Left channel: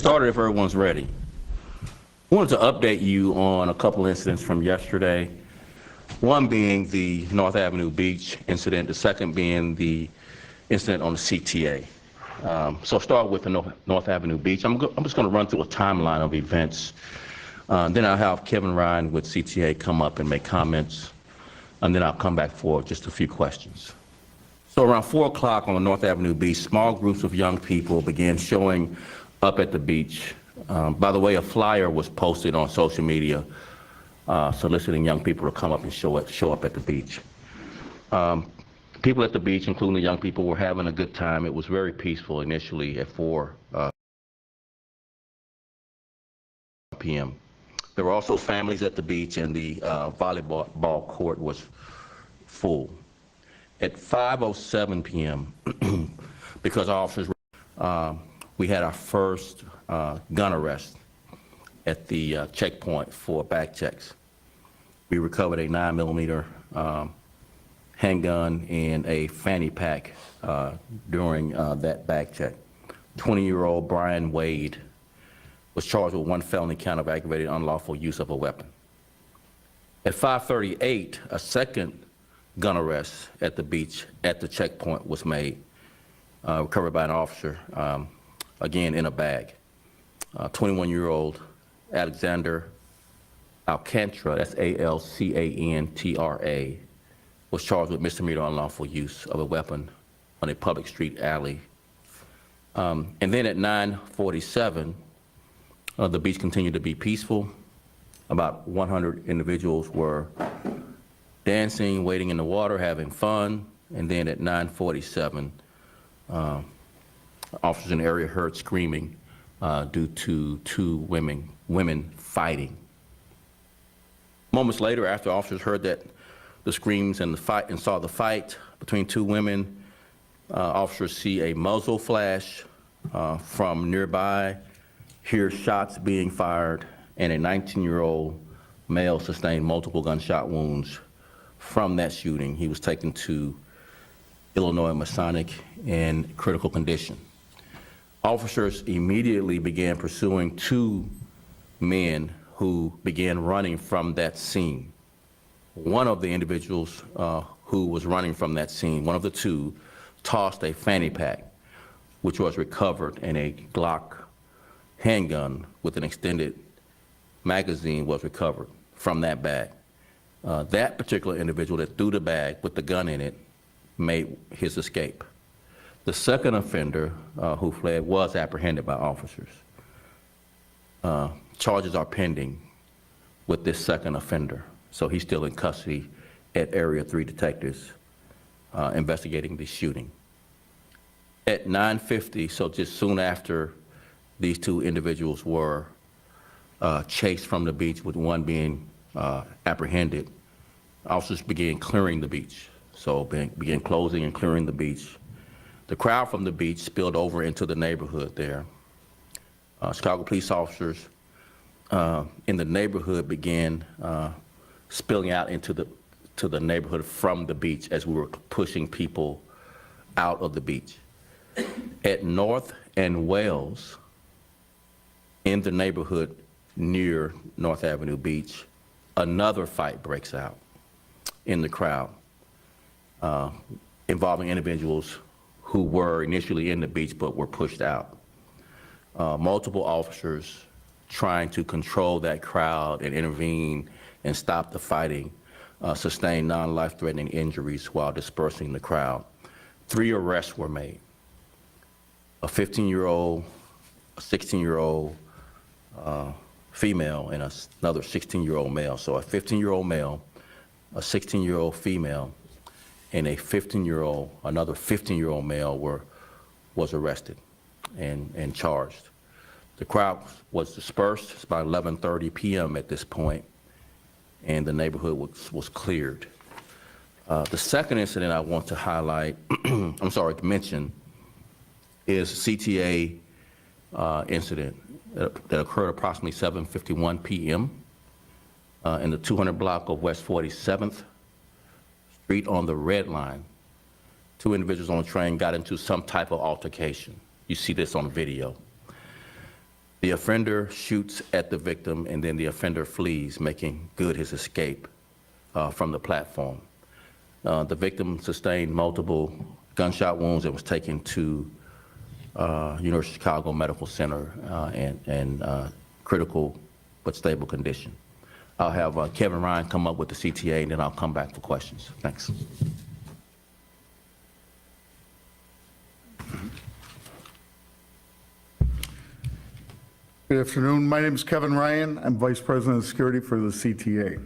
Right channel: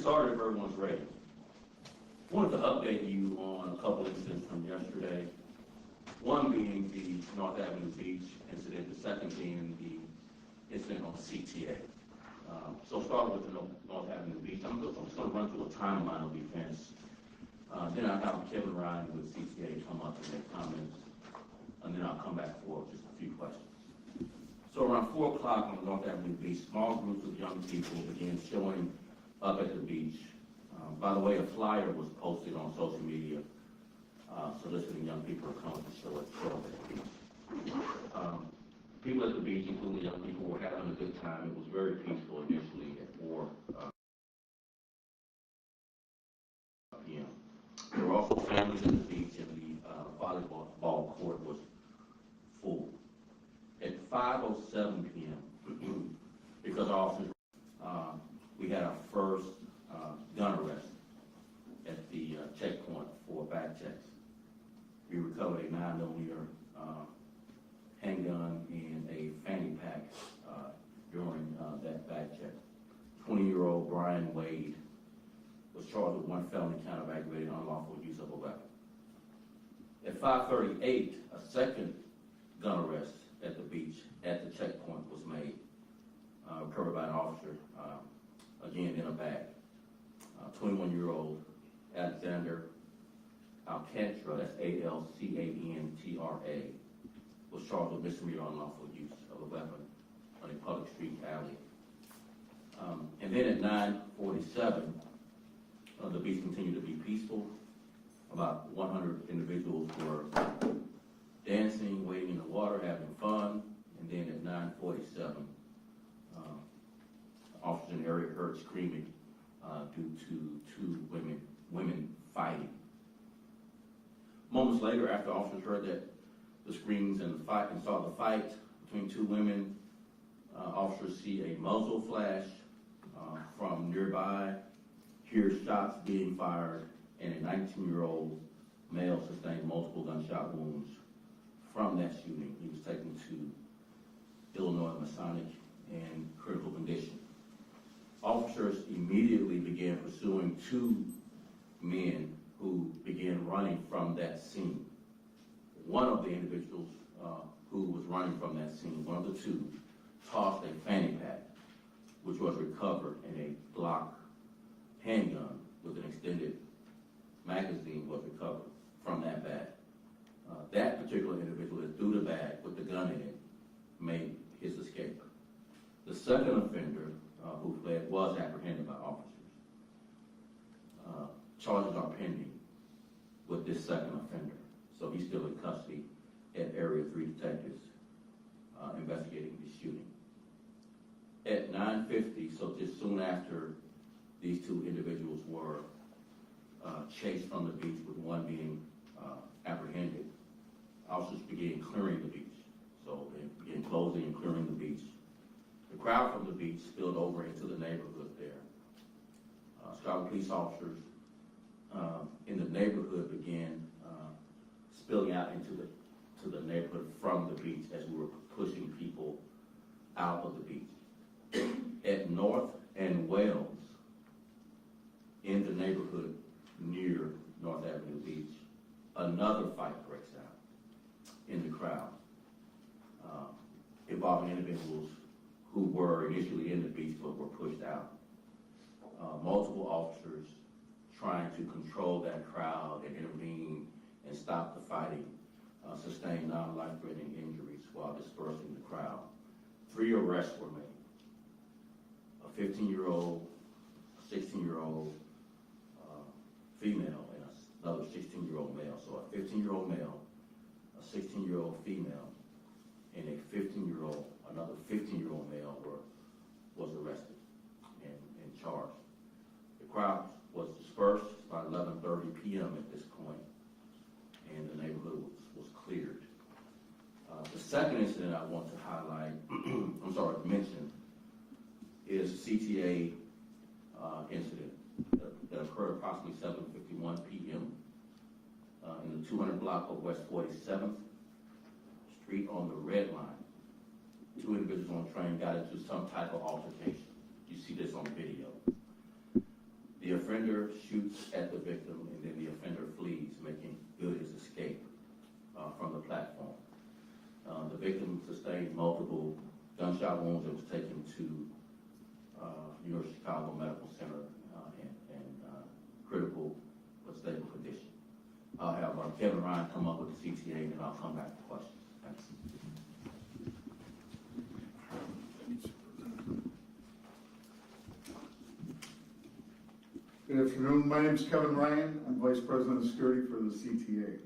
Started if everyone's ready. I wanted to update you on a couple incidents from yesterday. One being the North Avenue Beach incident, the second being the incident on the CTA. So I'll start with the North Avenue Beach. I'm just going to run through a timeline of events. Then I'll have Kevin Ryan with CTA come up and make comments, and then I'll come back for just a few questions. So around 4 o'clock on the North Avenue Beach, small groups of young people began showing up at the beach. By the way, a flyer was posted on social media soliciting young people to come up and show up at the beach. People at the beach, including the young people, were having a good time. It was very peaceful initially at 4 p.m. There were also families at the beach, and the volleyball court was full. At 5:07 p.m., because officers, we had our first gun arrest at the checkpoint for back checks. We recovered a 9mm handgun and a fanny pack during that back check. 20-year-old Brian Wade was charged with 1 felony count of aggravated unlawful use of a weapon. At 5:38, a second gun arrest at the beach at the checkpoint was made, recovered by an officer, again in a bag. 21-year-old Alexander Alcantara, that's A-L-C-A-N-T-R-A, was charged with misdemeanor unlawful use of a weapon on a public street alley. And then at 9:47, the beach continued to be peaceful. About 100 individuals were dancing, wading in the water, having fun. And then at 9:47, officers in the area heard screaming due to 2 women fighting. Moments later, after officers heard that the screams and the fight and saw the fight between 2 women, officers see a muzzle flash from nearby, hear shots being fired, and a 19-year-old male sustained multiple gunshot wounds from that shooting. He was taken to Illinois Masonic in critical condition. Officers immediately began pursuing 2 men who began running from that scene. One of the individuals who was running from that scene, one of the 2, tossed a fanny pack, which was recovered, and a Glock handgun with an extended magazine was recovered from that bag. That particular individual that threw the bag with the gun in it made his escape. The second offender who fled was apprehended by officers. Charges are pending with this second offender, so he's still in custody at Area 3 detectives investigating the shooting. At 9:50, so just soon after these 2 individuals were chased from the beach, with one being apprehended, officers began clearing the beach. So began closing and clearing the beach. The crowd from the beach spilled over into the neighborhood there. Chicago police officers in the neighborhood began spilling out into the neighborhood from the beach as we were pushing people out of the beach. At North and Wells, in the neighborhood near North Avenue Beach, another fight breaks out in the crowd involving individuals who were initially in the beach but were pushed out. Multiple officers trying to control that crowd and intervene and stop the fighting sustained non-life-threatening injuries while dispersing the crowd. 3 arrests were made. A 15-year-old, a 16-year-old female, and another 16-year-old male. So a 15-year-old male, a 16-year-old female, and another 15-year-old male was arrested and charged. The crowd was dispersed. It's about 11:30 p.m. at this point, and the neighborhood was cleared. The second incident I want to highlight, to mention, is CTA incident that occurred approximately 7:51 p.m. In the 200 block of West 47th Street on the Red Line. 2 individuals on the train got into some type of altercation. You see this on video. The offender shoots at the victim, and then the offender flees, making good his escape from the platform. The victim sustained multiple gunshot wounds and was taken to University of Chicago Medical Center in critical but stable condition. I'll have Kevin Ryan come up with the CTA, and then I'll come back for questions. Thanks. Good afternoon. My name is Kevin Ryan. I'm Vice President of Security for the CTA.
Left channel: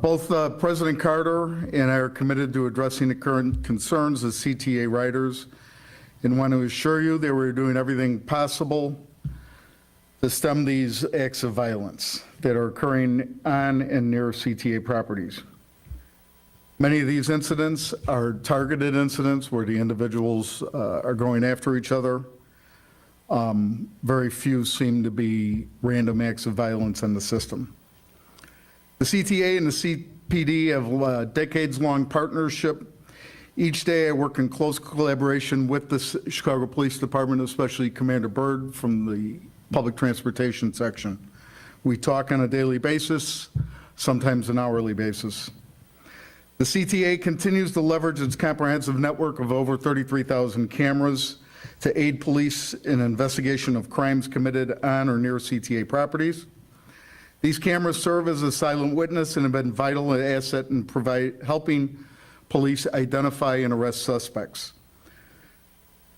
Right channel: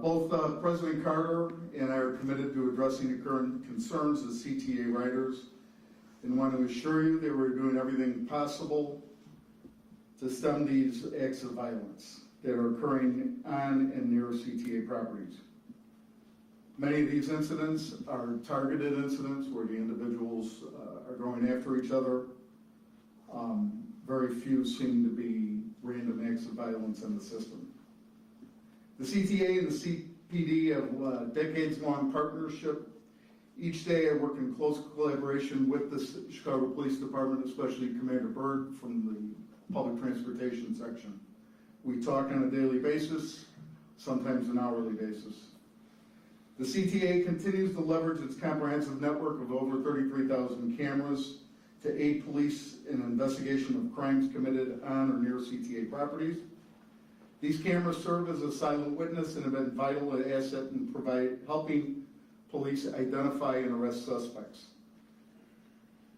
Both President Carter and I are committed to addressing the current concerns of CTA riders and want to assure you that we're doing everything possible to stem these acts of violence that are occurring on and near CTA properties. Many of these incidents are targeted incidents where the individuals are going after each other. Very few seem to be random acts of violence in the system. The CTA and the CPD have a decades-long partnership. Each day I work in close collaboration with the Chicago Police Department, especially Commander Byrd from the Public Transportation section. We talk on a daily basis, sometimes an hourly basis. The CTA continues to leverage its comprehensive network of over 33,000 cameras to aid police in investigation of crimes committed on or near CTA properties. These cameras serve as a silent witness and have been vital an asset in helping police identify and arrest suspects.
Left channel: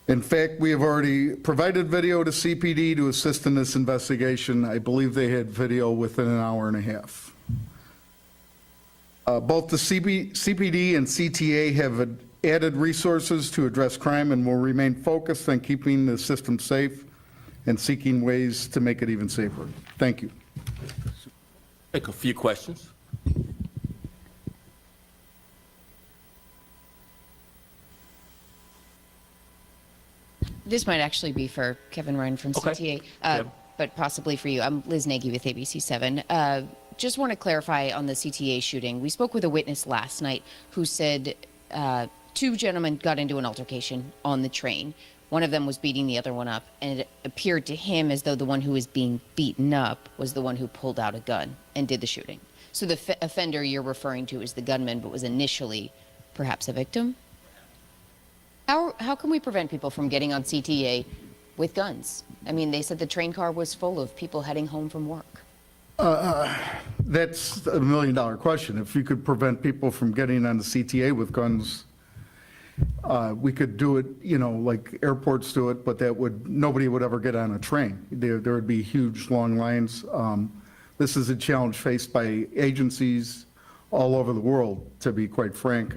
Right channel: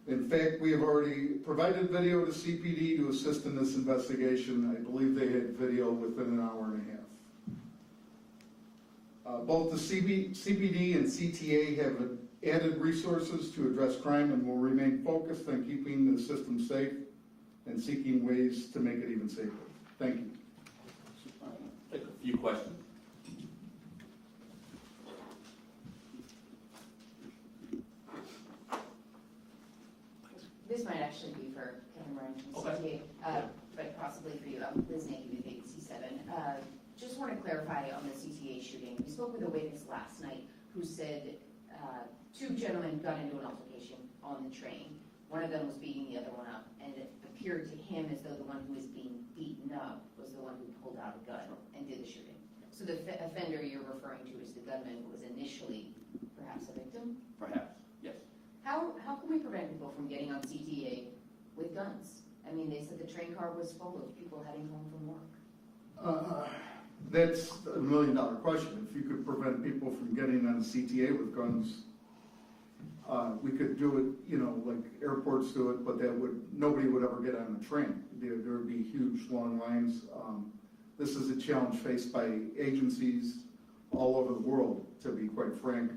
In fact, we have already provided video to CPD to assist in this investigation. I believe they had video within an hour and a half. Both the CPD and CTA have added resources to address crime and will remain focused on keeping the system safe and seeking ways to make it even safer. Thank you. Take a few questions. This might actually be for Kevin Ryan from CTA, Okay. Yeah. but possibly for you. I'm Liz Nagy with ABC7. Just want to clarify on the CTA shooting. We spoke with a witness last night who said two gentlemen got into an altercation on the train. One of them was beating the other one up, and it appeared to him as though the one who was being beaten up was the one who pulled out a gun and did the shooting. So the offender you're referring to is the gunman, but was initially perhaps a victim? How can we prevent people from getting on CTA with guns? I mean, they said the train car was full of people heading home from work. That's $1 million question. If you could prevent people from getting on the CTA with guns, we could do it, you know, like airports do it, but nobody would ever get on a train. There would be huge, long lines. This is a challenge faced by agencies all over the world, to be quite frank.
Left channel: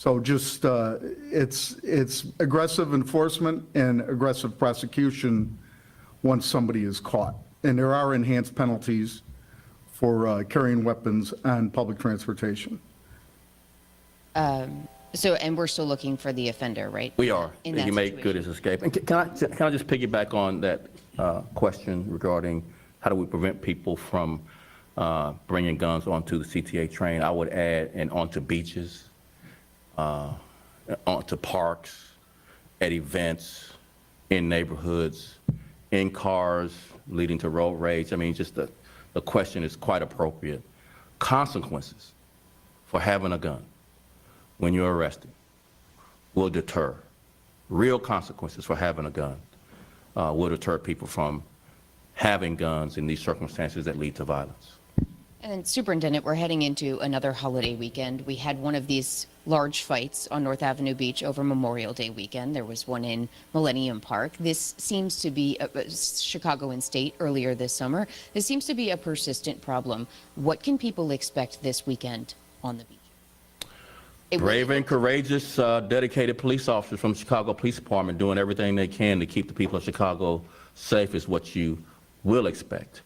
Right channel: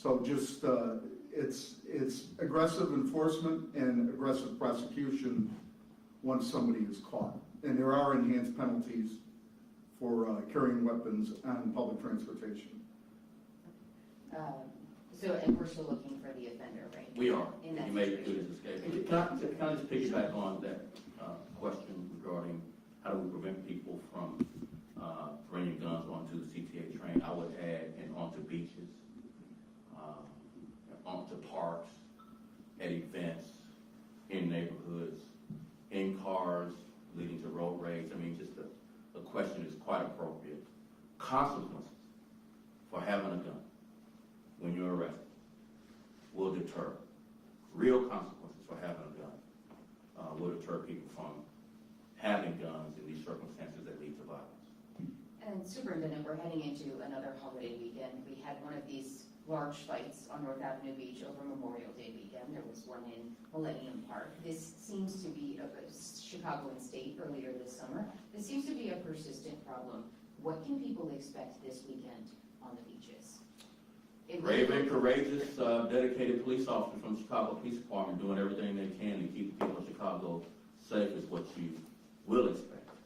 So just, it's aggressive enforcement and aggressive prosecution once somebody is caught. And there are enhanced penalties for carrying weapons on public transportation. And we're still looking for the offender, right? We are. In that He made good his escape. And can I just piggyback on that question regarding how do we prevent people from bringing guns onto the CTA train? I would add, and onto beaches, onto parks, at events, in neighborhoods, in cars, leading to road rage. I mean, just the question is quite appropriate. Consequences for having a gun when you're arrested will deter. Real consequences for having a gun will deter people from having guns in these circumstances that lead to violence. And Superintendent, we're heading into another holiday weekend. We had one of these large fights on North Ave Beach over Memorial Day weekend. There was one in Millennium Park. This seems to be Chicago and State earlier this summer. This seems to be a persistent problem. What can people expect this weekend on the beaches? Brave and courageous, dedicated police officers from the Chicago Police Department doing everything they can to keep the people of Chicago safe is what you will expect.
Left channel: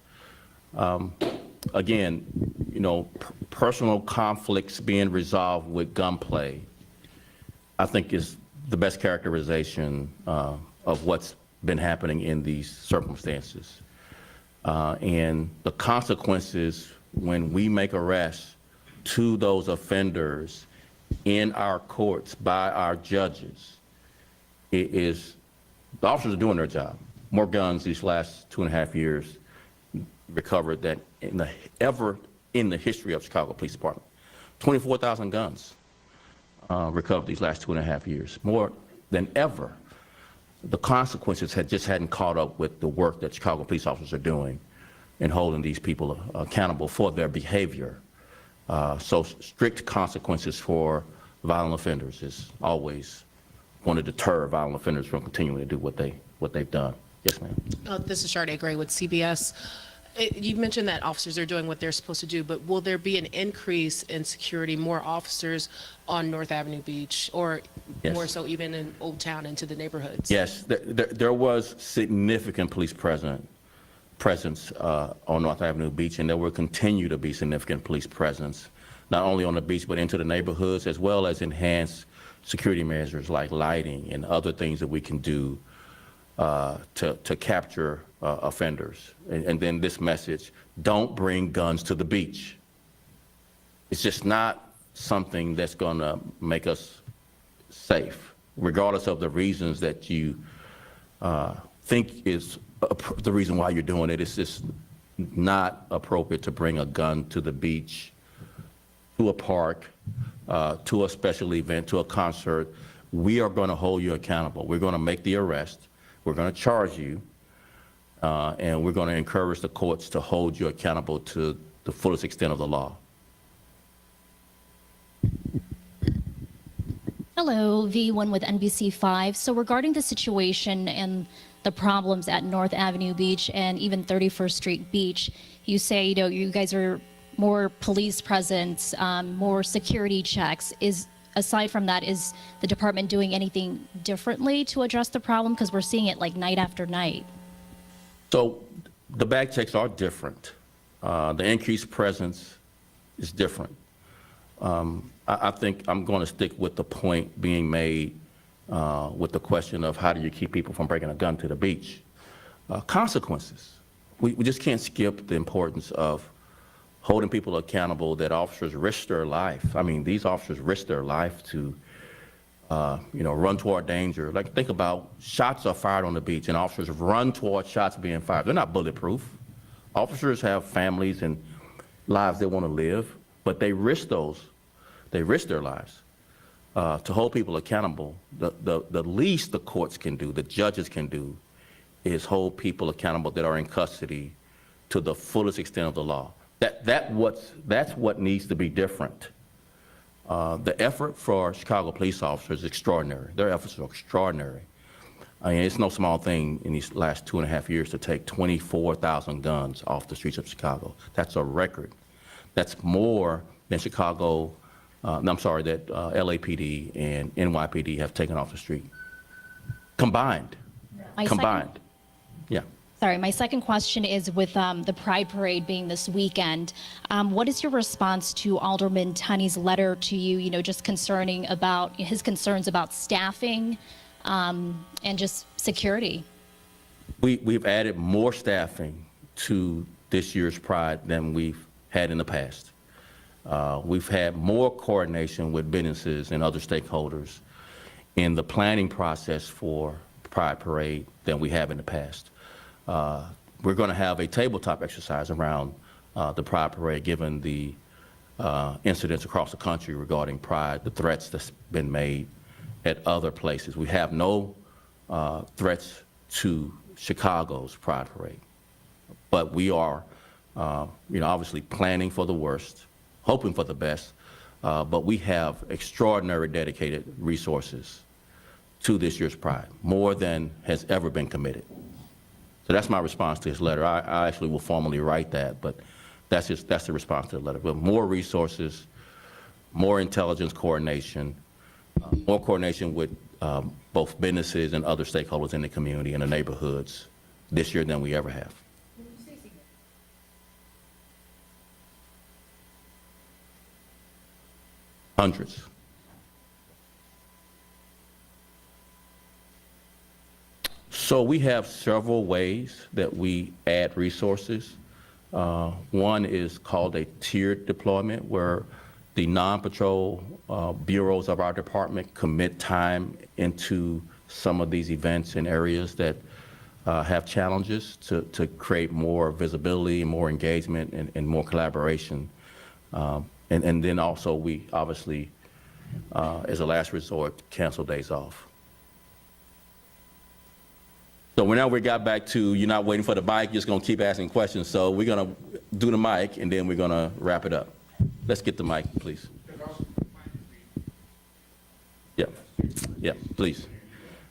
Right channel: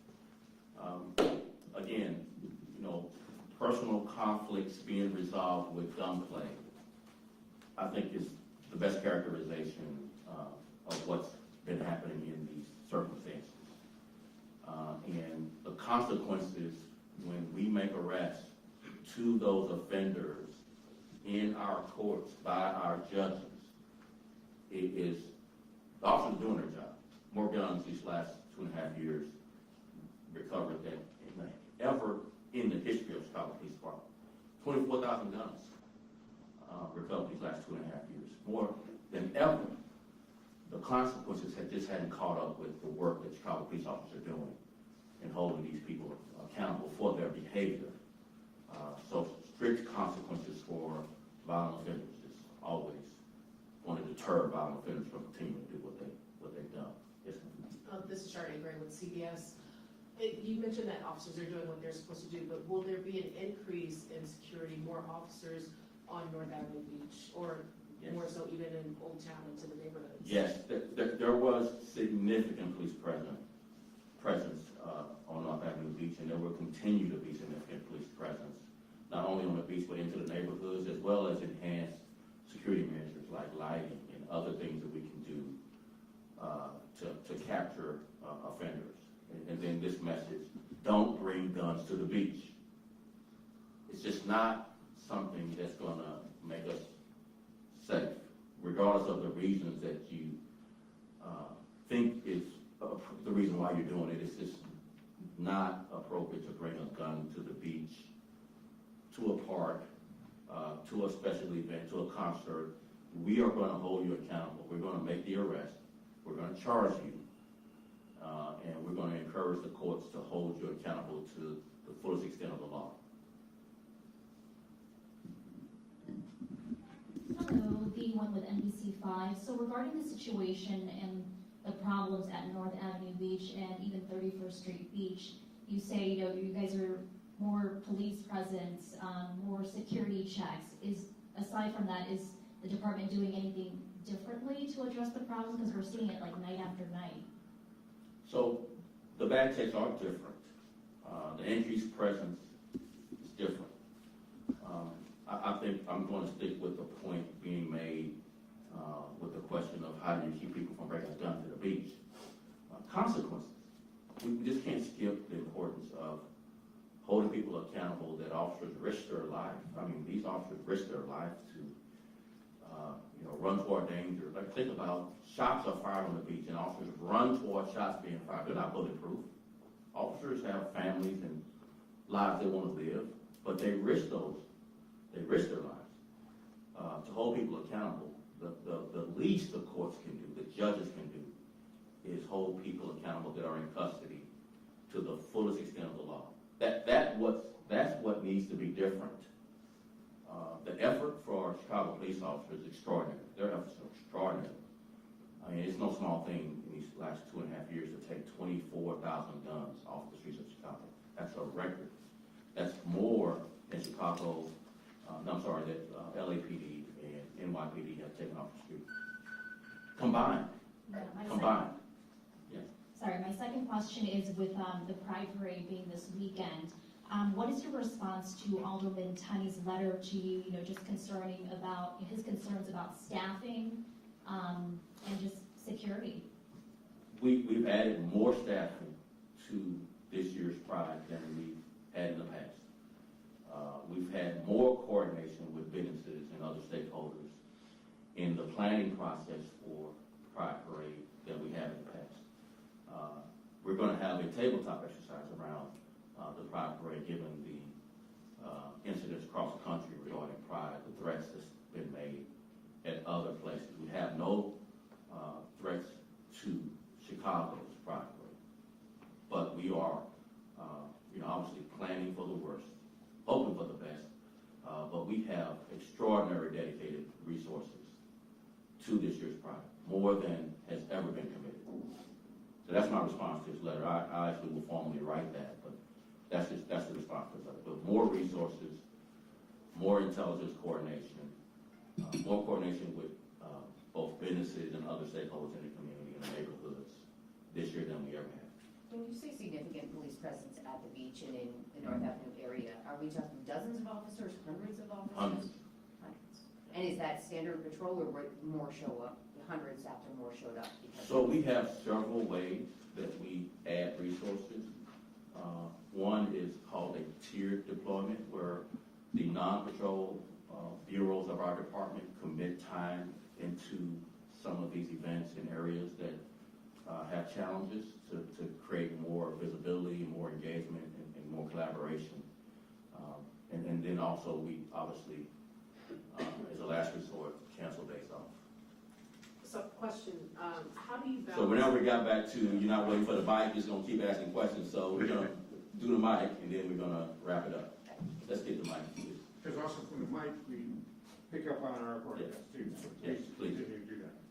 Again, you know, personal conflicts being resolved with gunplay, I think is the best characterization of what's been happening in these circumstances. And the consequences when we make arrests to those offenders in our courts by our judges, it is the officers are doing their job. More guns these last 2.5 years recovered than ever in the history of Chicago Police Department. 24,000 guns recovered these last 2.5 years, more than ever. The consequences hadn't caught up with the work that Chicago police officers are doing in holding these people accountable for their behavior. So strict consequences for violent offenders is always going to deter violent offenders from continuing to do what they've done. Yes, ma'am. This is Sharday Gray with CBS. You mentioned that officers are doing what they're supposed to do, but will there be an increase in security, more officers on North Avenue Beach, or Yes. more so even in Old Town into the neighborhoods? Yes, there was significant police presence on North Avenue Beach, and there will continue to be significant police presence, not only on the beach, but into the neighborhoods, as well as enhanced security measures like lighting and other things that we can do to capture offenders. And then this message, don't bring guns to the beach. It's just not something that's gonna make us safe, regardless of the reasons that you think is the reason why you're doing it. It's just not appropriate to bring a gun to the beach, to a park, to a special event, to a concert. We are gonna hold you accountable. We're gonna make the arrest. We're gonna charge you. And we're gonna encourage the courts to hold you accountable to the fullest extent of the law. Hello, V1 with NBC5. So regarding the situation and the problems at North Avenue Beach and even 31st Street Beach, you say, you guys are more police presence, more security checks. Aside from that, is the department doing anything differently to address the problem? Because we're seeing it like night after night. So the bag checks are different. The increased presence is different. I think I'm going to stick with the point being made with the question of how do you keep people from bringing a gun to the beach? Consequences. We just can't skip the importance of holding people accountable, that officers risk their life. I mean, these officers risk their life to run toward danger. Like, think about shots are fired on the beach and officers run toward shots being fired. They're not bulletproof. Officers have families and lives they want to live, but they risk their lives. To hold people accountable, the least the courts can do, the judges can do, is hold people accountable that are in custody to the fullest extent of the law. That's what needs to be different. The effort for Chicago police officers is extraordinary. Their efforts are extraordinary. I mean, it's no small thing in these last 2.5 years to take 24,000 guns off the streets of Chicago. That's a record. That's more than that LAPD and NYPD have taken off the street. Combined. Yeah. Sorry, my second question is with the Pride Parade being this weekend, what is your response to Alderman Tunney's letter to you, just concerning about his concerns about staffing and just security? We've added more staffing to this year's Pride than we've had in the past. We've had more coordination with businesses and other stakeholders in the planning process for Pride Parade than we have in the past. We're going to have a tabletop exercise around the Pride Parade, given the incidents across the country regarding Pride, the threats that's been made at other places. We have no threats to Chicago's Pride Parade, but we are, obviously planning for the worst, hoping for the best, but we have extraordinary dedicated resources to this year's Pride, more than has ever been committed. So that's my response to his letter. I actually will formally write that, but that's the response to the letter. But more resources, more intelligence coordination, more coordination with both businesses and other stakeholders in the community and the neighborhoods this year than we ever have. When you say significant police presence at Ave Beach and in the North Avenue area, are we talking dozens of officers, hundreds of officers? Hundreds. And is that standard patrol or would more show up, hundreds after more showed up? So we have several ways that we add resources. One is called a tiered deployment, where the non-patrol bureaus of our department commit time into some of these events in areas that have challenges to create more visibility and more engagement and more collaboration. And then also, we obviously, as a last resort, cancel days off. So question, how do you So now we got back to, you're not waiting for the mic, you're just gonna keep asking questions. So we're gonna do the mic, and then we're gonna wrap it up. Let's get the mic, please. Yep, yep, please.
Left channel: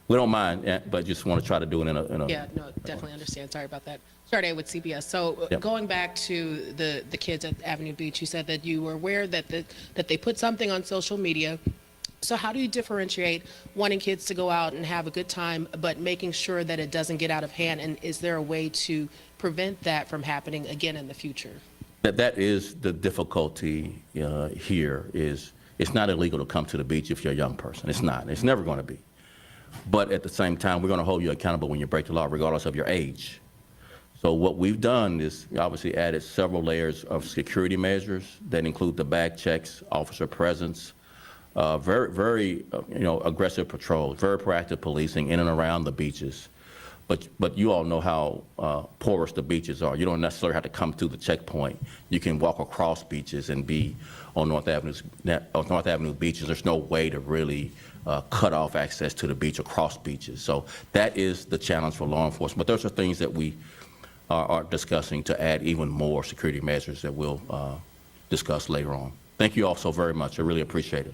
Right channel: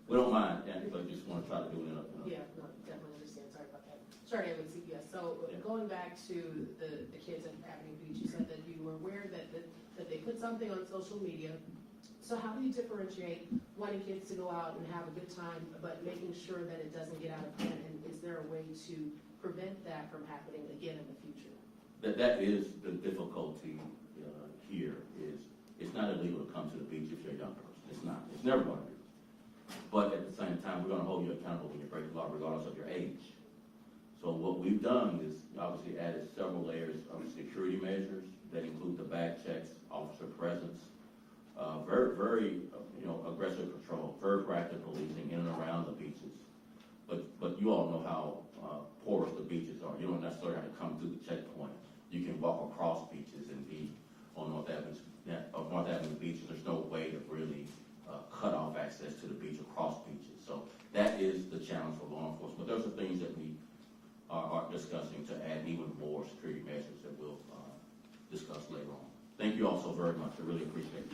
We don't mind, but just want to try to do it in a. Yeah, no, definitely understand. Sorry about that. Started with CBS. So Yep. going back to the kids at Avenue Beach, you said that you were aware that that they put something on social media. So how do you differentiate wanting kids to go out and have a good time, but making sure that it doesn't get out of hand? And is there a way to prevent that from happening again in the future? That is the difficulty here is, it's not illegal to come to the beach if you're a young person. It's not. It's never going to be. But at the same time, we're going to hold you accountable when you break the law, regardless of your age. So what we've done is obviously added several layers of security measures that include the bag checks, officer presence, very aggressive patrols, very proactive policing in and around the beaches. But you all know how porous the beaches are. You don't necessarily have to come through the checkpoint. You can walk across beaches and be on North Avenue beaches. There's no way to really cut off access to the beach across beaches. So that is the challenge for law enforcement. But those are things that we are discussing to add even more security measures that we'll discuss later on. Thank you all so very much. I really appreciate it.